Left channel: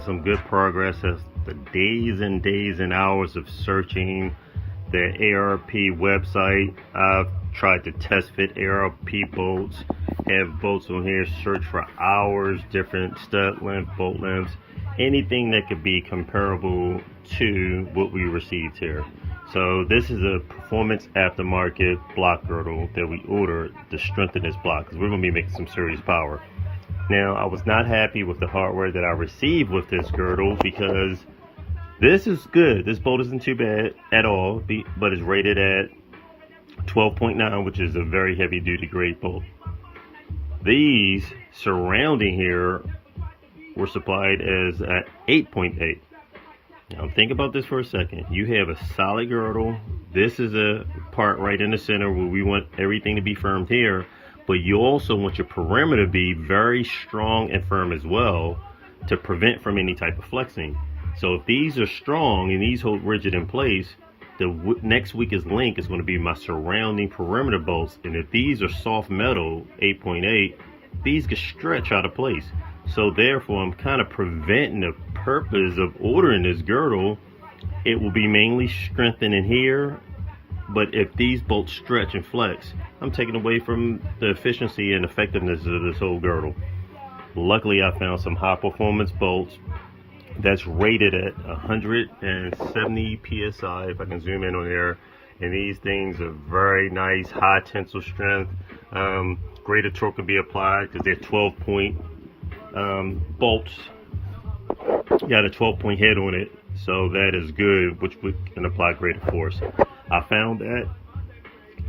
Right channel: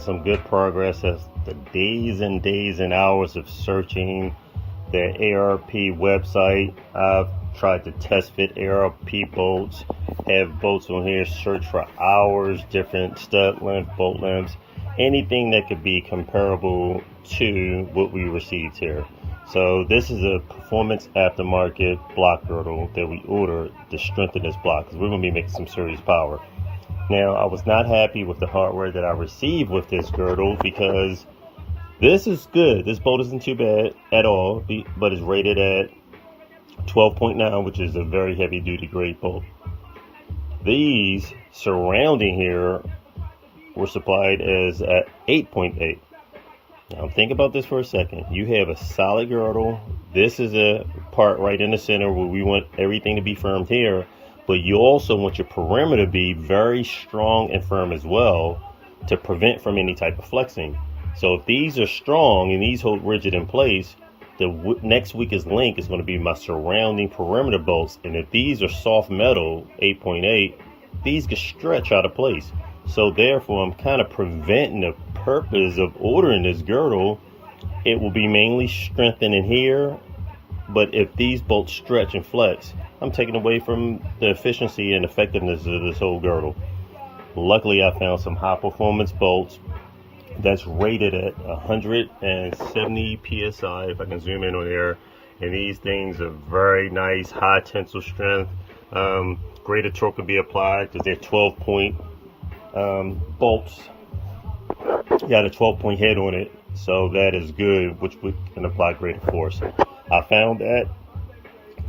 some good progress after days and days and hours of searching the ARP website. I've tried to test fit ARP bolts, have bolts on here, search for hours, different stud length, bolt lengths, anything that could be comparable to what we received here. So this is a performance aftermarket block girdle that we ordered to strengthen this block, because we're going to be making some serious power. Now, I was not happy with the hardware that I received with this girdle, because this is good. This bolt isn't too bad at all, but it's rated at 12.9, which is a very heavy duty grade bolt. These surrounding here were supplied as at 8.8. Now think about this for a second. You have a solid girdle. This is a part right in the center where we want everything to be firmed here, but you also want your perimeter to be very strong and firm as well to prevent from any type of flexing. So if these are strong and these hold rigid in place, the next weakest link is going to be my surrounding perimeter bolts. And if these are soft metal 8.8, these can stretch out of place. So therefore, I'm kind of preventing the purpose of ordering this girdle. It will be mainly strengthened in here, but if these bolts stretch and flex, I'm taking away from the efficiency and effectiveness of this whole girdle. Luckily, I found some high performance bolts that's rated at 170 psi, if I can zoom in on there. And these things are very nice, high tensile strength. Greater torque can be applied because they're 12-point bolts. Got a 12-point head on it, so that is good, which we can apply greater force. I found that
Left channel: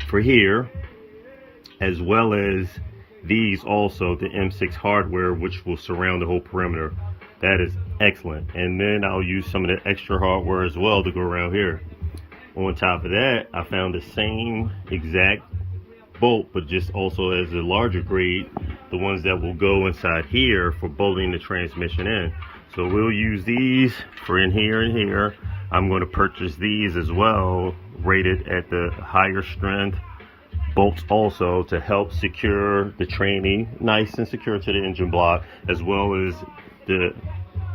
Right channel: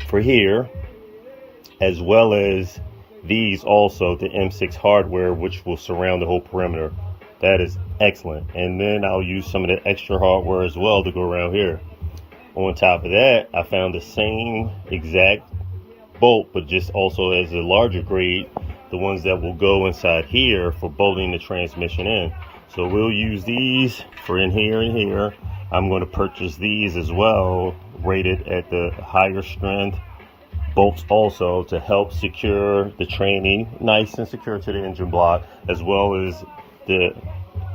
for here, as well as these also, the M6 hardware, which will surround the whole perimeter. That is excellent. And then I'll use some of the extra hardware as well to go around here. On top of that, I found the same exact bolt, but just also as a larger grade, the ones that will go inside here for bolting the transmission in. So we'll use these for in here and here. I'm going to purchase these as well, rated at the higher strength bolts also, to help secure the training nice and secure to the engine block, as well as to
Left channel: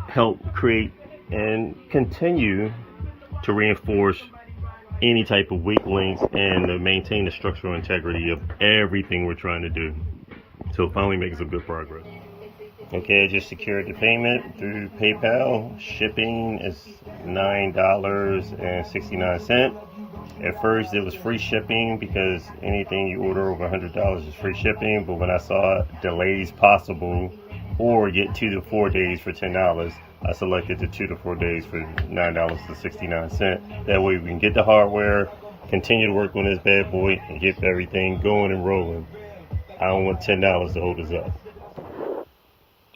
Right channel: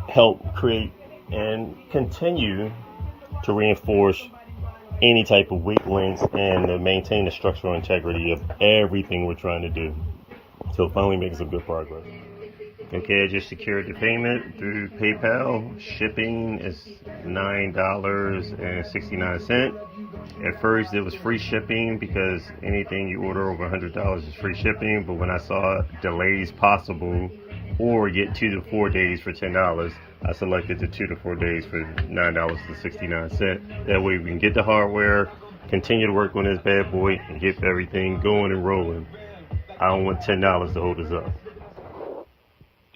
help create and continue to reinforce any type of weak links and to maintain the structural integrity of everything we're trying to do. So finally making some good progress. Okay, I just secured the payment through PayPal. Shipping is $9.69. At first it was free shipping because anything you order over $100 is free shipping, but when I saw delays possible or get 2 to 4 days for $10, I selected the 2 to 4 days for $9.69. That way we can get the hardware, continue to work on this bad boy, and get everything going and rolling. I don't want $10 to hold us up.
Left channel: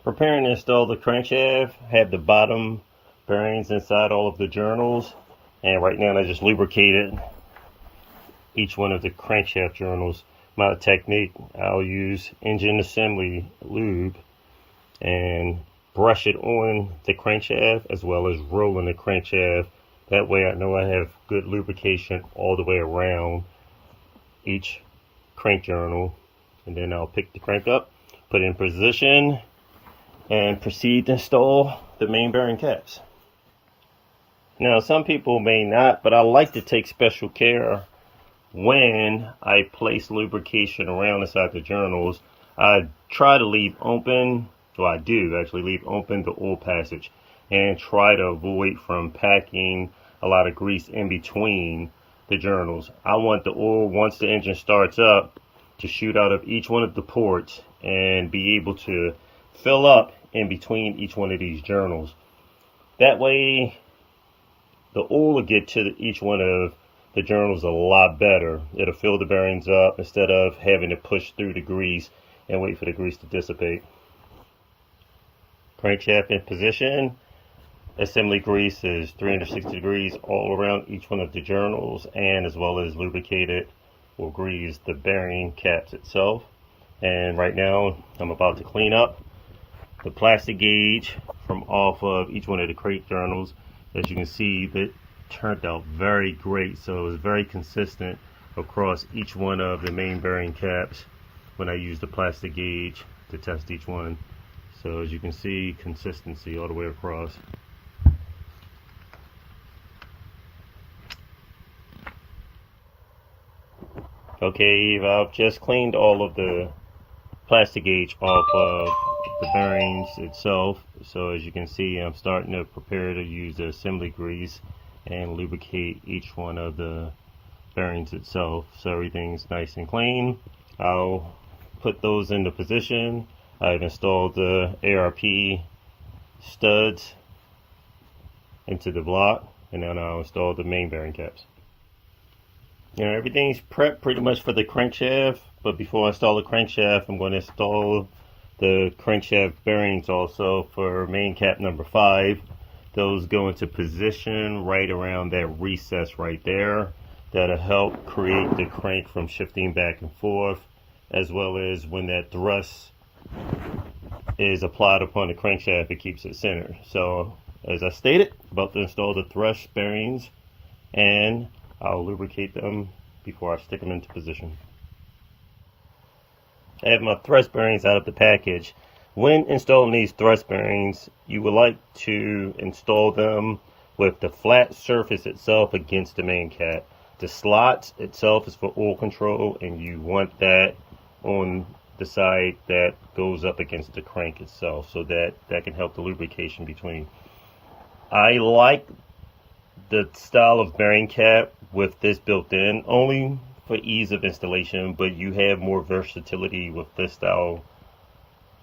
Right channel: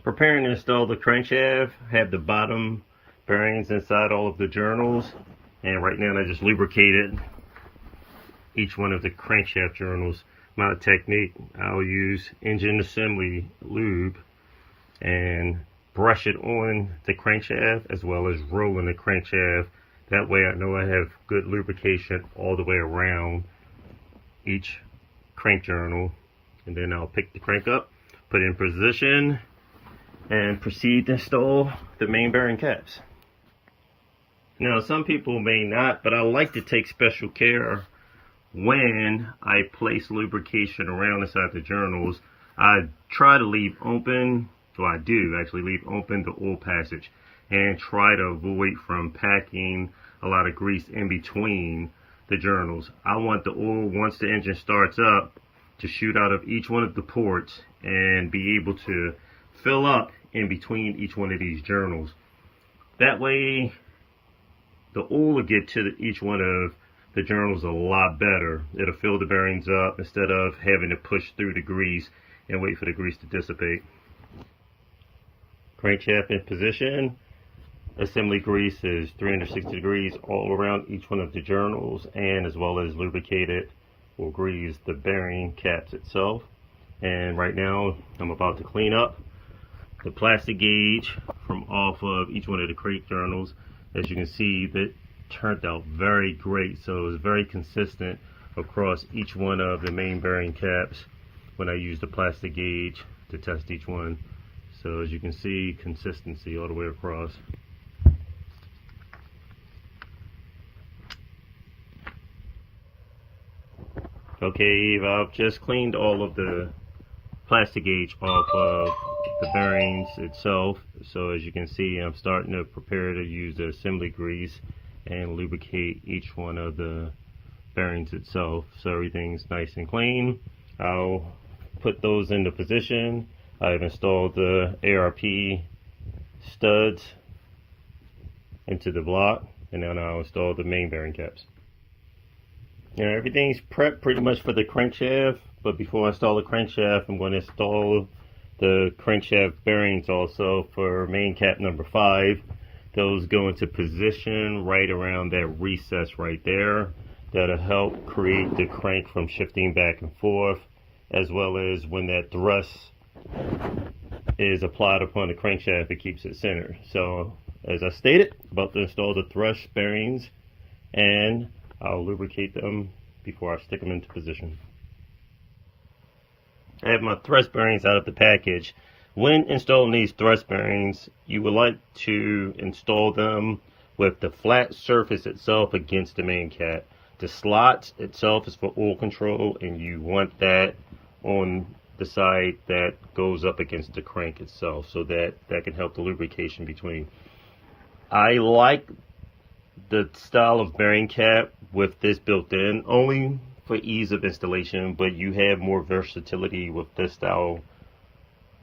Preparing to install the crankshaft, have the bottom bearings inside all of the journals, and right now I just lubricated each one of the crankshaft journals. My technique, I'll use engine assembly lube and brush it on the crankshaft as well as rolling the crankshaft. That way I know I have good lubrication all the way around each crank journal. And then I'll pick the crank up, put it in position, and proceed to install the main bearing caps. Now some people may not, but I like to take special care when I place lubrication around inside the journals. I try to leave open, so I do actually leave open the oil passage and try to avoid from packing a lot of grease in between the journals. I want the oil, once the engine starts up, to shoot out of each one of the ports and be able to fill up in between each one of these journals. That way the oil will get to each one of the journals a lot better. It'll fill the bearings up instead of having to push through the grease and wait for the grease to dissipate. Crankshaft in position. Assembly grease is 360 degrees all around each one of the journals, and as well as lubricated or grease the bearing caps itself. And right now I'm about to clean up the plastic gauge from off of each one of the crate journals. As you can see, that turned out very great, so it's very consistent across each one of the main bearing caps when I use the plastic gauge to test each one. So as you can see, consistency all the way across. Okay, I've just cleaned all of the plastic gauge off of the bearings itself. So as you can see, I'm starting to prepare to use the assembly grease and lubricate each one of the bearings itself, so everything's nice and clean. I'll put those into position. I've installed the ARP studs into the block, and then I'll install the main bearing caps. Now everything's prepped pretty much for the crankshaft, but before I install the crankshaft, I'm going to install the crankshaft bearings also for main cap number 5. Those go into position right around that recess right there. That'll help create the crank from shifting back and forth, as well as when that thrust is applied upon the crankshaft, it keeps it centered. So as I stated, about to install the thrust bearings, and I'll lubricate them before I stick them into position. I have my thrust bearings out of the package. When installing these thrust bearings, you would like to install them with the flat surface itself against the main cap. The slots itself is for oil control, and you want that on the side that goes up against the crank itself, so that can help the lubrication between. I like the style of bearing cap with this built in, only for ease of installation, but you have more versatility with this style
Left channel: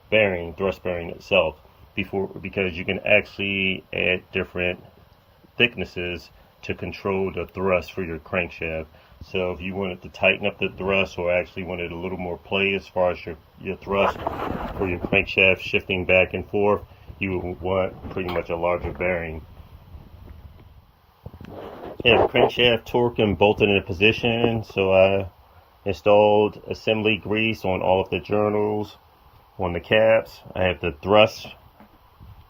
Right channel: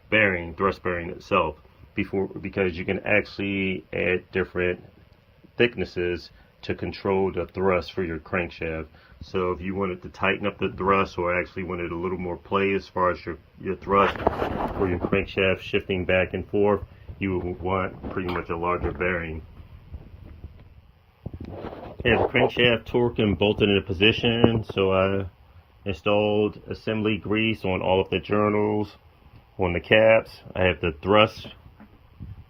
bearing, thrust bearing itself, because you can actually add different thicknesses to control the thrust for your crankshaft. So if you wanted to tighten up the thrust, or actually wanted a little more play as far as your thrust for your crankshaft shifting back and forth, you would want pretty much a larger bearing. I have the crankshaft torqued and bolted into position, so I installed assembly grease on all of the journals, on the caps. I have the thrust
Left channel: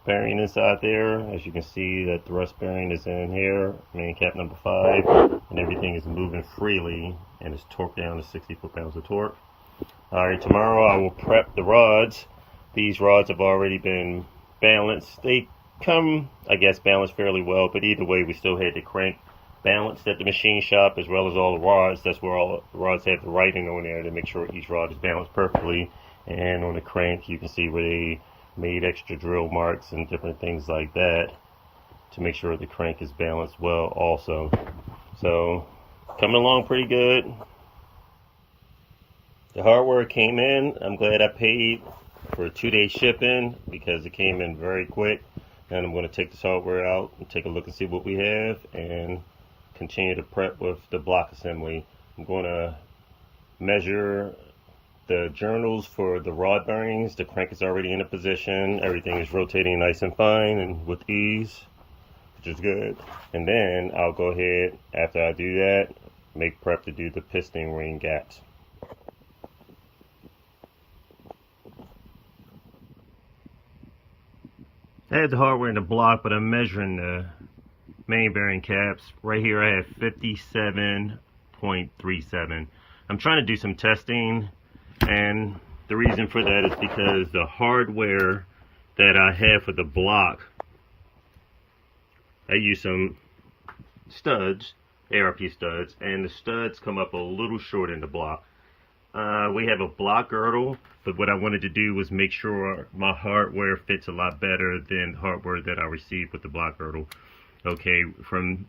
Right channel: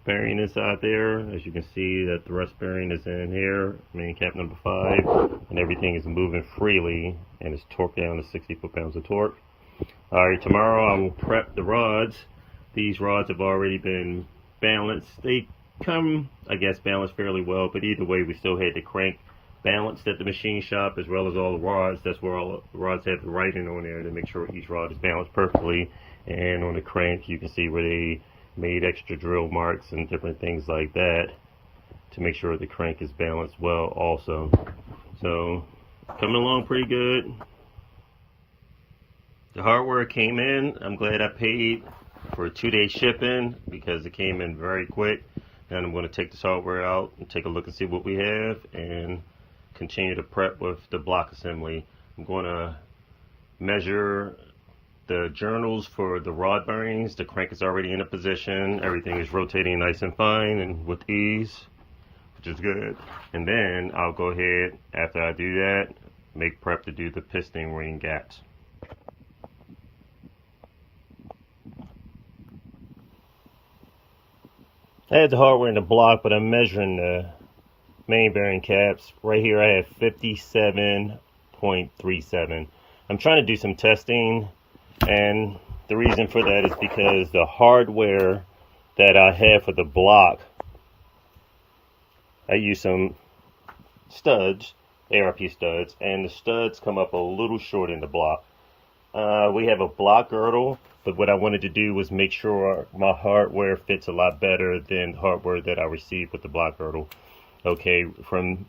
bearing inside there. As you can see, that thrust bearing is in here, main cap number 5, and everything is moving freely and it's torqued down to 60 foot-pounds of torque. Alright, tomorrow I will prep the rods. These rods have already been balanced. They come, I guess, balanced fairly well, but either way, we still had the crank balanced at the machine shop, as well as all the rods. That's where all the rods have the writing on there to make sure each rod is balanced perfectly. And on the crank, you can see where they made extra drill marks and different things like that to make sure the crank is balanced well also. So coming along pretty good. The hardware came in. I'm glad I paid for 2-day shipping because it came in very quick. And I'm going to take this hardware out and take a look and see what we have, and continue to prep with the block assembly. I'm going to measure the journals for the rod bearings. The crank is already in a position. Everything is rotating nice and fine and with ease, which is good. And then I'll go ahead, after I do that, make prep to do the piston ring gaps. I had the hardware in the block, but I'm measuring the main bearing caps. Right here I have 57.37. I'm trying to do some testing, and the reason for that is because the hardware that I have for the block, I use some studs, ARP studs, and the studs come up a little short in the block. We have a block girdle, but what I wanted to do was make sure my hardware fits a lot better than the hardware that I received with the block girdle. Okay, from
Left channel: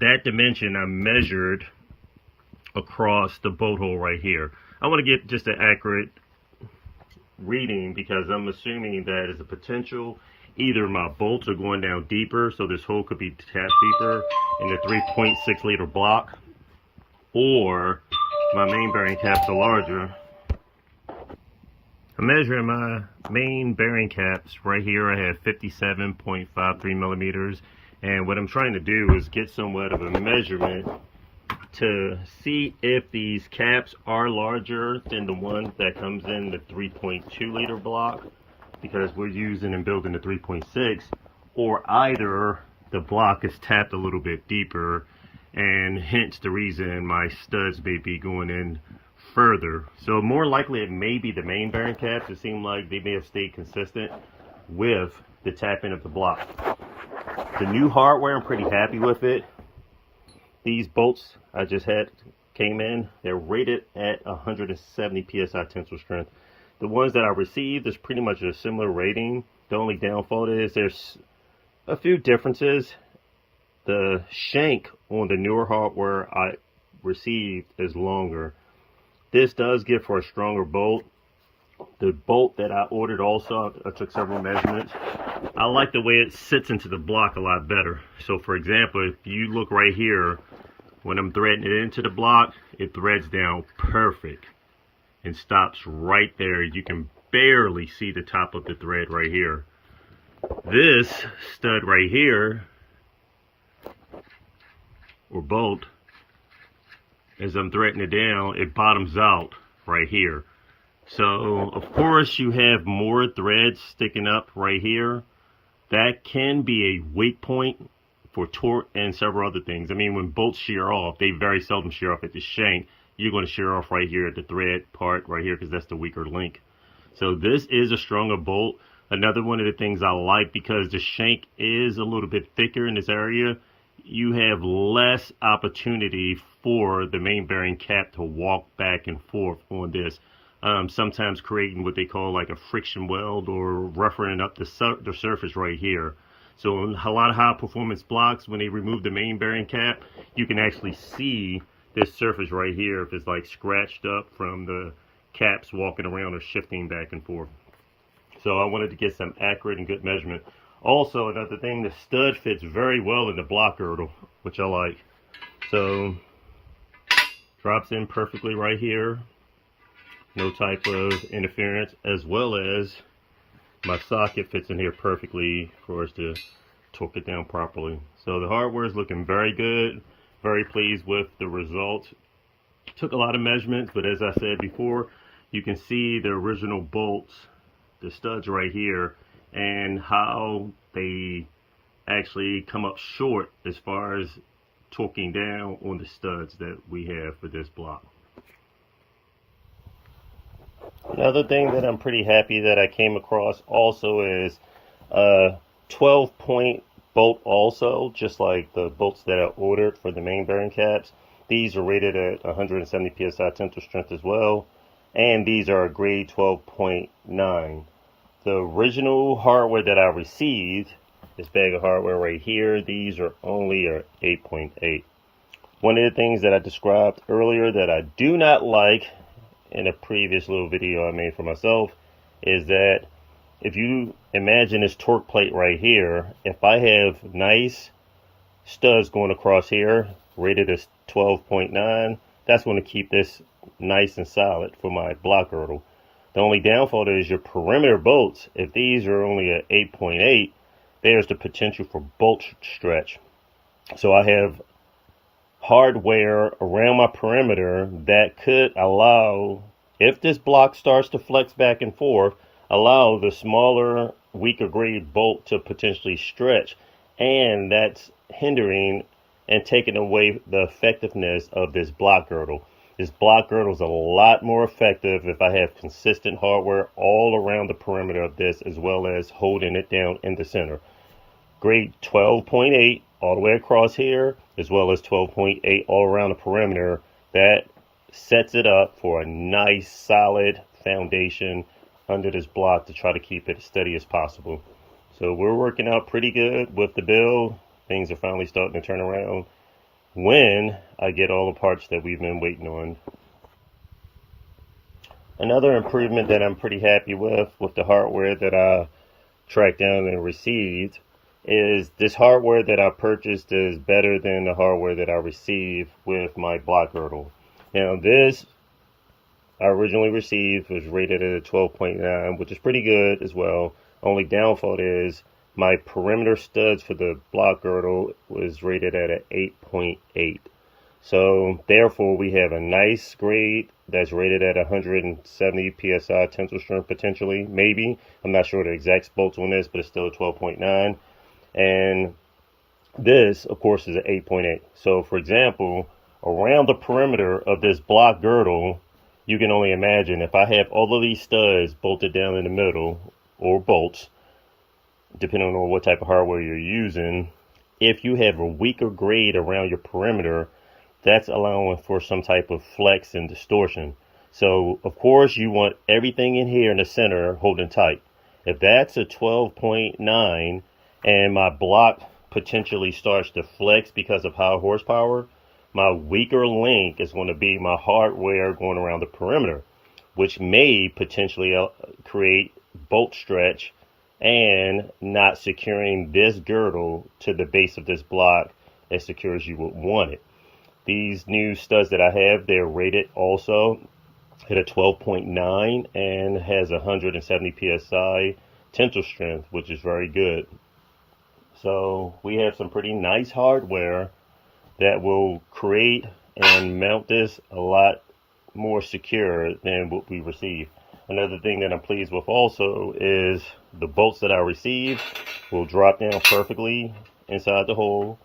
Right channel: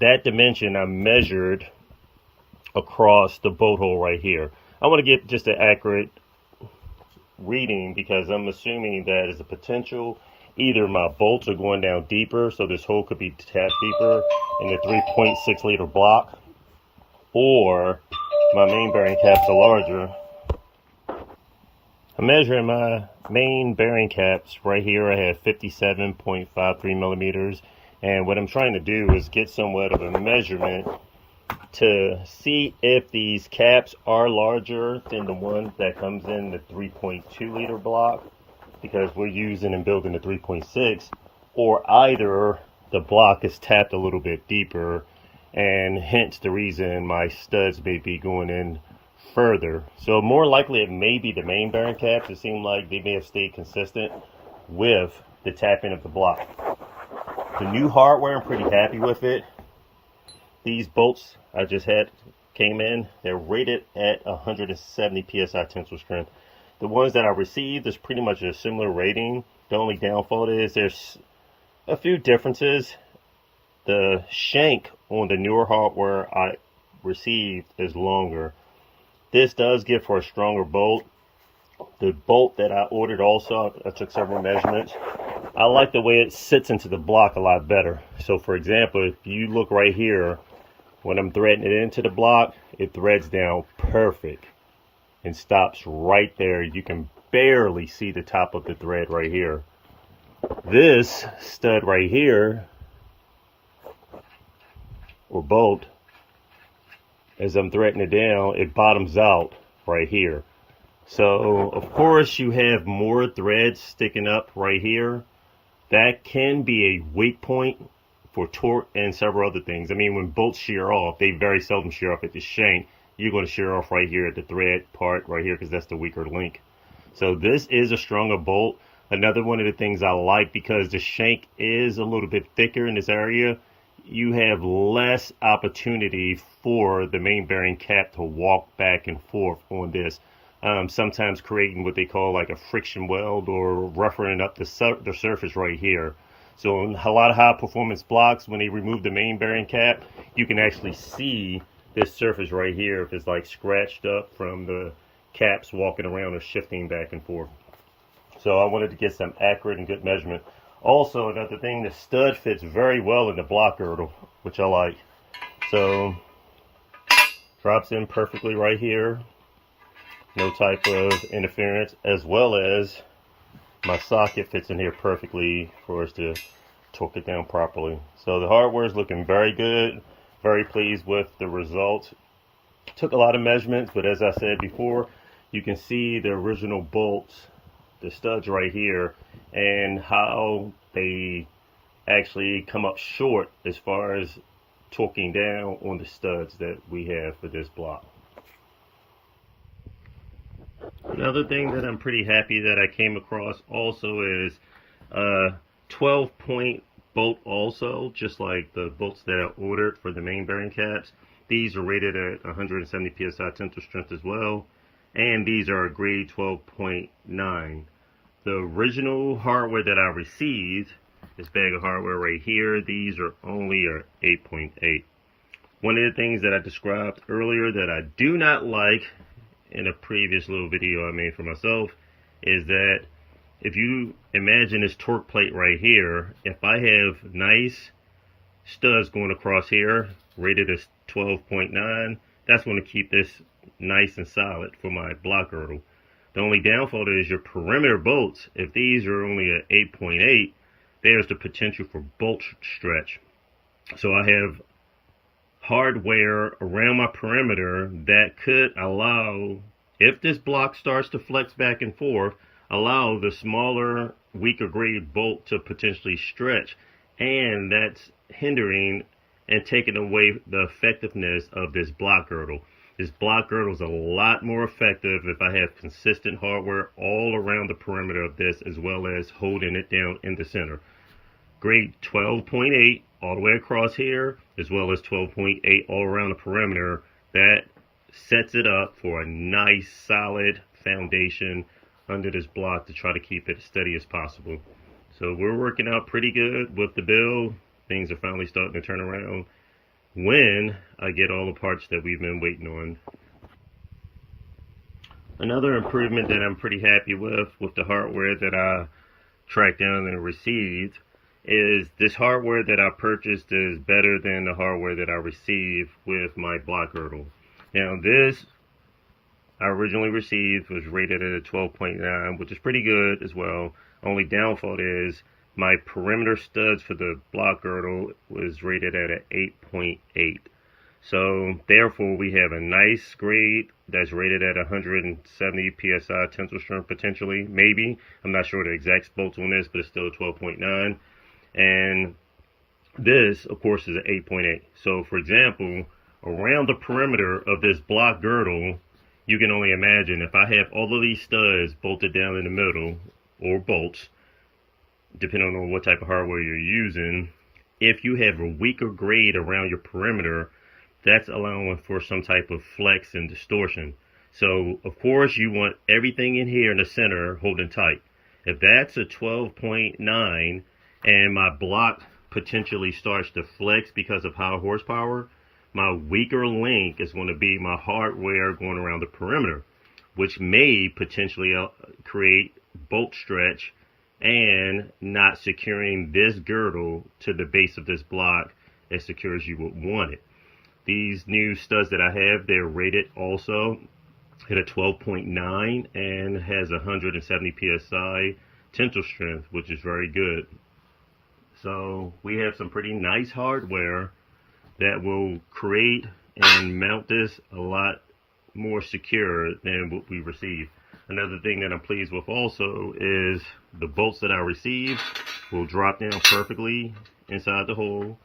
that dimension, I measured across the bolt hole right here. I want to get just an accurate reading because I'm assuming that is a potential. Either my bolts are going down deeper, so this hole could be tapped deeper in the 3.6 liter block, or my main bearing caps are larger. I'm measuring my main bearing caps. Right here I have 57.53 millimeters, and what I'm trying to do is get somewhat of a measurement to see if these caps are larger than the one that comes in the 3.2 liter block, because we're using and building the 3.6, or either the block is tapped a little bit deeper, and hence the reason my studs may be going in further. So more likely it may be the main bearing caps. It seemed like they may have stayed consistent with the tapping of the block. The new hardware, I'm pretty happy with it. These bolts I just had came in, they're rated at 170 psi tensile strength. The ones that I received is pretty much a similar rating. The only downfall is there's a few differences. The shank on the newer hardware I received is longer. This does give for a stronger bolt. The bolt that I ordered also, I took several measurements. I like the way it sits into the block a lot better. So for example, if you look right here, when I'm threading it into the block, it threads down perfect and stops right there. You can barely see the top of the thread right here. This stud right here, or bolt, as I'm threading it down, it bottoms out right here. So of course you have more threads sticking up right here. That can be a weak point for torque and several other things. I mean, when bolts shear off, they very seldom shear off at the shank. You're going to shear off right here at the thread part right here because that's the weaker link. So this is a stronger bolt. Another one of the things I like, because the shank is a little bit thicker in this area, you have less opportunity for the main bearing cap to walk back and forth on this. Sometimes creating what they call like a friction weld or roughing up the surface right here. So in a lot of high performance blocks, when they remove the main bearing cap, you can actually see this surface right here if it's like scratched up from the caps walking around or shifting back and forth. So I wanted to get some accurate and good measurement. Also, another thing, the stud fits very well in the block girdle, which I like. So drops in perfectly right here. No type of interference, as well as my socket fits in here perfectly for us to torque it down properly. So the hardware is looking very good. Very pleased with the results. Took a lot of measurements, but as I said before, you can see the original bolts, the studs right here, and how they actually come up short as far as torquing down on the studs that we have for this block. Another thing that I'm pretty happy that I came across also is a 12-point bolt also, just like the bolts that I ordered for the main bearing caps. These are rated at 170 psi tensile strength as well, and these are a grade 12.9. The original hardware that I received, this bag of hardware right here, these are only 8.8. One of the things that I described earlier that I do not like in a previous little video I made for myself is that if you imagine this torque plate right here, if I have nice studs going across here, rated as 12.9, that's going to keep this nice and solid for my block girdle. The only downfall is your perimeter bolts. If these are only at 8.8, there's the potential for bolt stretch. So I have hardware around my perimeter that could allow, if this block starts to flex back and forth, allow the smaller, weaker grade bolt to potentially stretch, and that's hindering and taking away the effectiveness of this block girdle. This block girdle is a lot more effective if I have consistent hardware all around the perimeter of this, as well as holding it down in the center. Grade 12.8 all the way across here, as well as 12.8 all around the perimeter. That sets it up for a nice solid foundation under this block to try to keep it as steady as possible. So we're working out pretty good with the build. Things are finally starting to turn around when I get all the parts that we've been waiting on. Another improvement that I'm pretty happy with the hardware that I tracked down and received is this hardware that I purchased is better than the hardware that I received with my block girdle. Now this I originally received was rated at a 12.9, which is pretty good as well. Only downfall is my perimeter studs for the block girdle was rated at an 8.8. So therefore we have a nice grade that's rated at 170 psi tensile strength potentially, maybe. I'm not sure the exact bolts on this, but it's still a 12.9. And this, of course, is an 8.8. So for example, around the perimeter of this block girdle, you can only imagine if I have all of these studs bolted down in the middle, or bolts, depending on what type of hardware you're using. If you have a weaker grade around your perimeter, that's allowing for some type of flex and distortion. So of course you want everything in here in the center holding tight. If that's a 12.9 and my block potentially starts to flex because of high horsepower, my weaker link is going to be my hardware going around the perimeter, which may potentially create bolt stretch and not securing this girdle to the base of this block as secure as you would want it. These new studs that I have, they're rated also at a 12.9 and has 170 psi tensile strength, which is very good. So we have some pretty nice hardware that will create and mount this a lot more secure than what we receive. Another thing that I'm pleased with also is the bolts that I received will drop down perfectly inside the hole,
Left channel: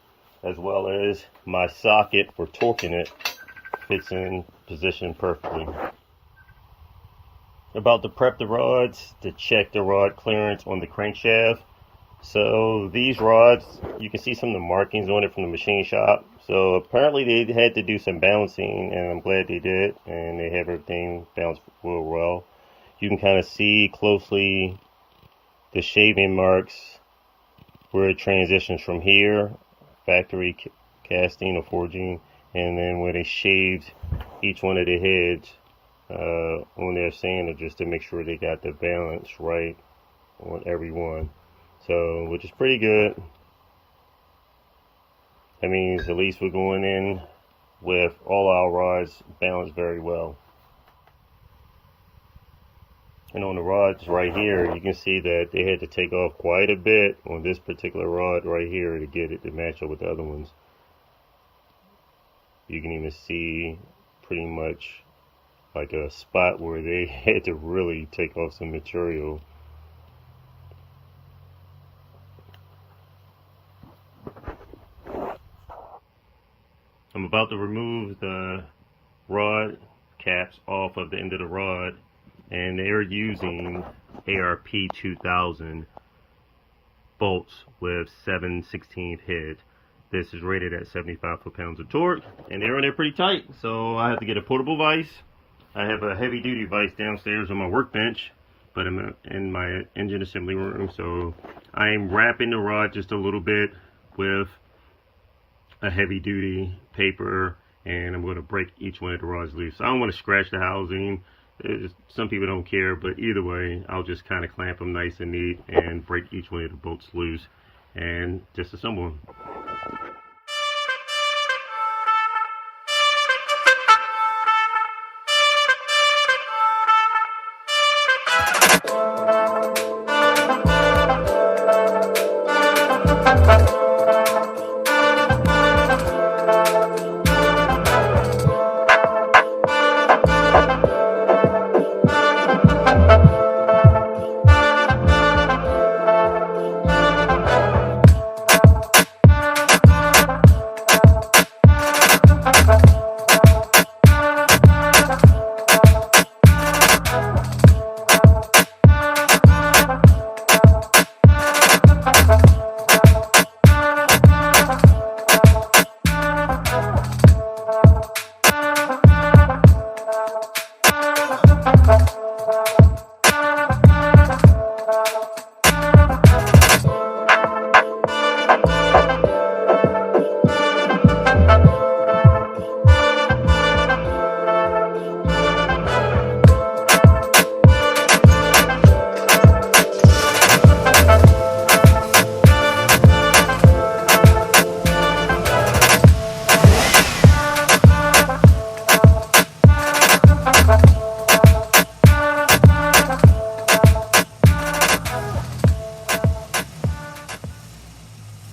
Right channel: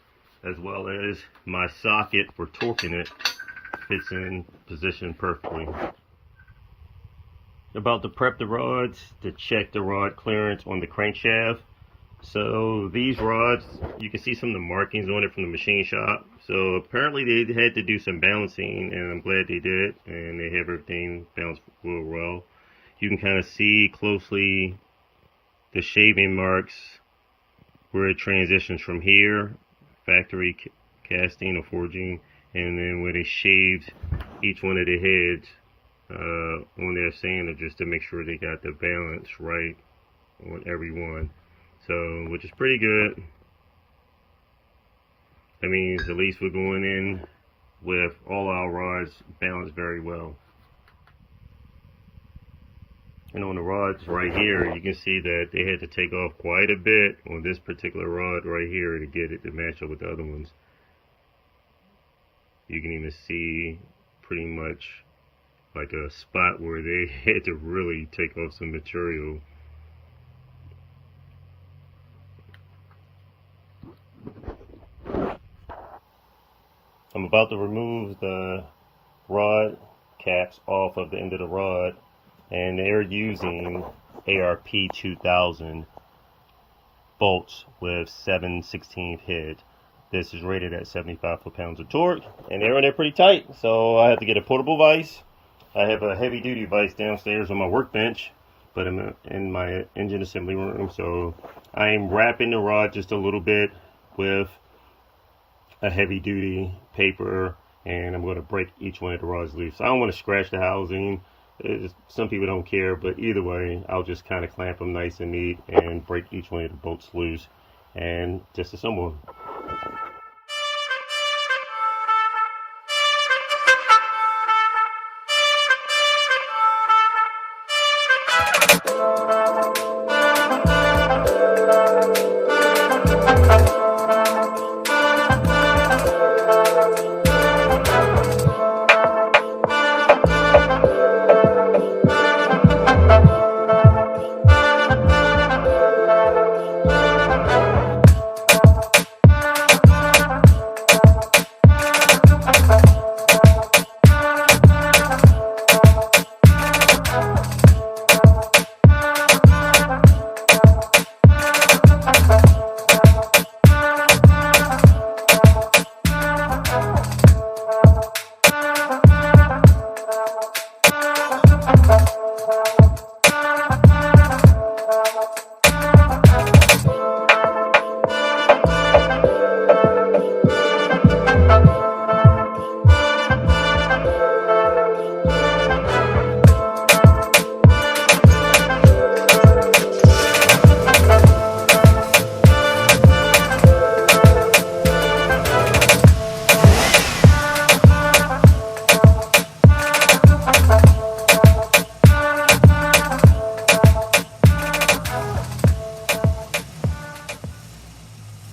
as well as my socket for torquing it fits in position perfectly. About to prep the rods, to check the rod clearance on the crankshaft. So these rods, you can see some of the markings on it from the machine shop. So apparently they had to do some balancing, and I'm glad they did, and they have everything balanced real well. You can kind of see closely the shaving marks where it transitions from here, factory casting or forging, and then where they shaved each one of the heads on their sander, just to make sure they got the balance right on every one. So, which is pretty good. That means at least we're going in with all our rods balanced very well. And on the rods right here, you can see that they had to take off quite a bit on this particular rod right here to get it to match up with the other ones. You can even see pretty much like a spot where they had to really take off some material. I'm about to remove the rod caps off of the end of the rod, and they're using ARP 2000 bolts with 7/16 head. This is rated at 75 foot-pounds of torque, and they're in there pretty tight, so I have to get a portable vise. I have a heavy-duty vise downstairs on my workbench, but I'm in my engine assembly room, so I'm wrapping the rod just a little bit with a heavy-duty paper, and I'm going to break each one of the rods loose. I don't want to scratch the housing. Some people don't care, but either way, I'll just kind of clamp them nice and neat and break each one of the bolts loose and just assemble them.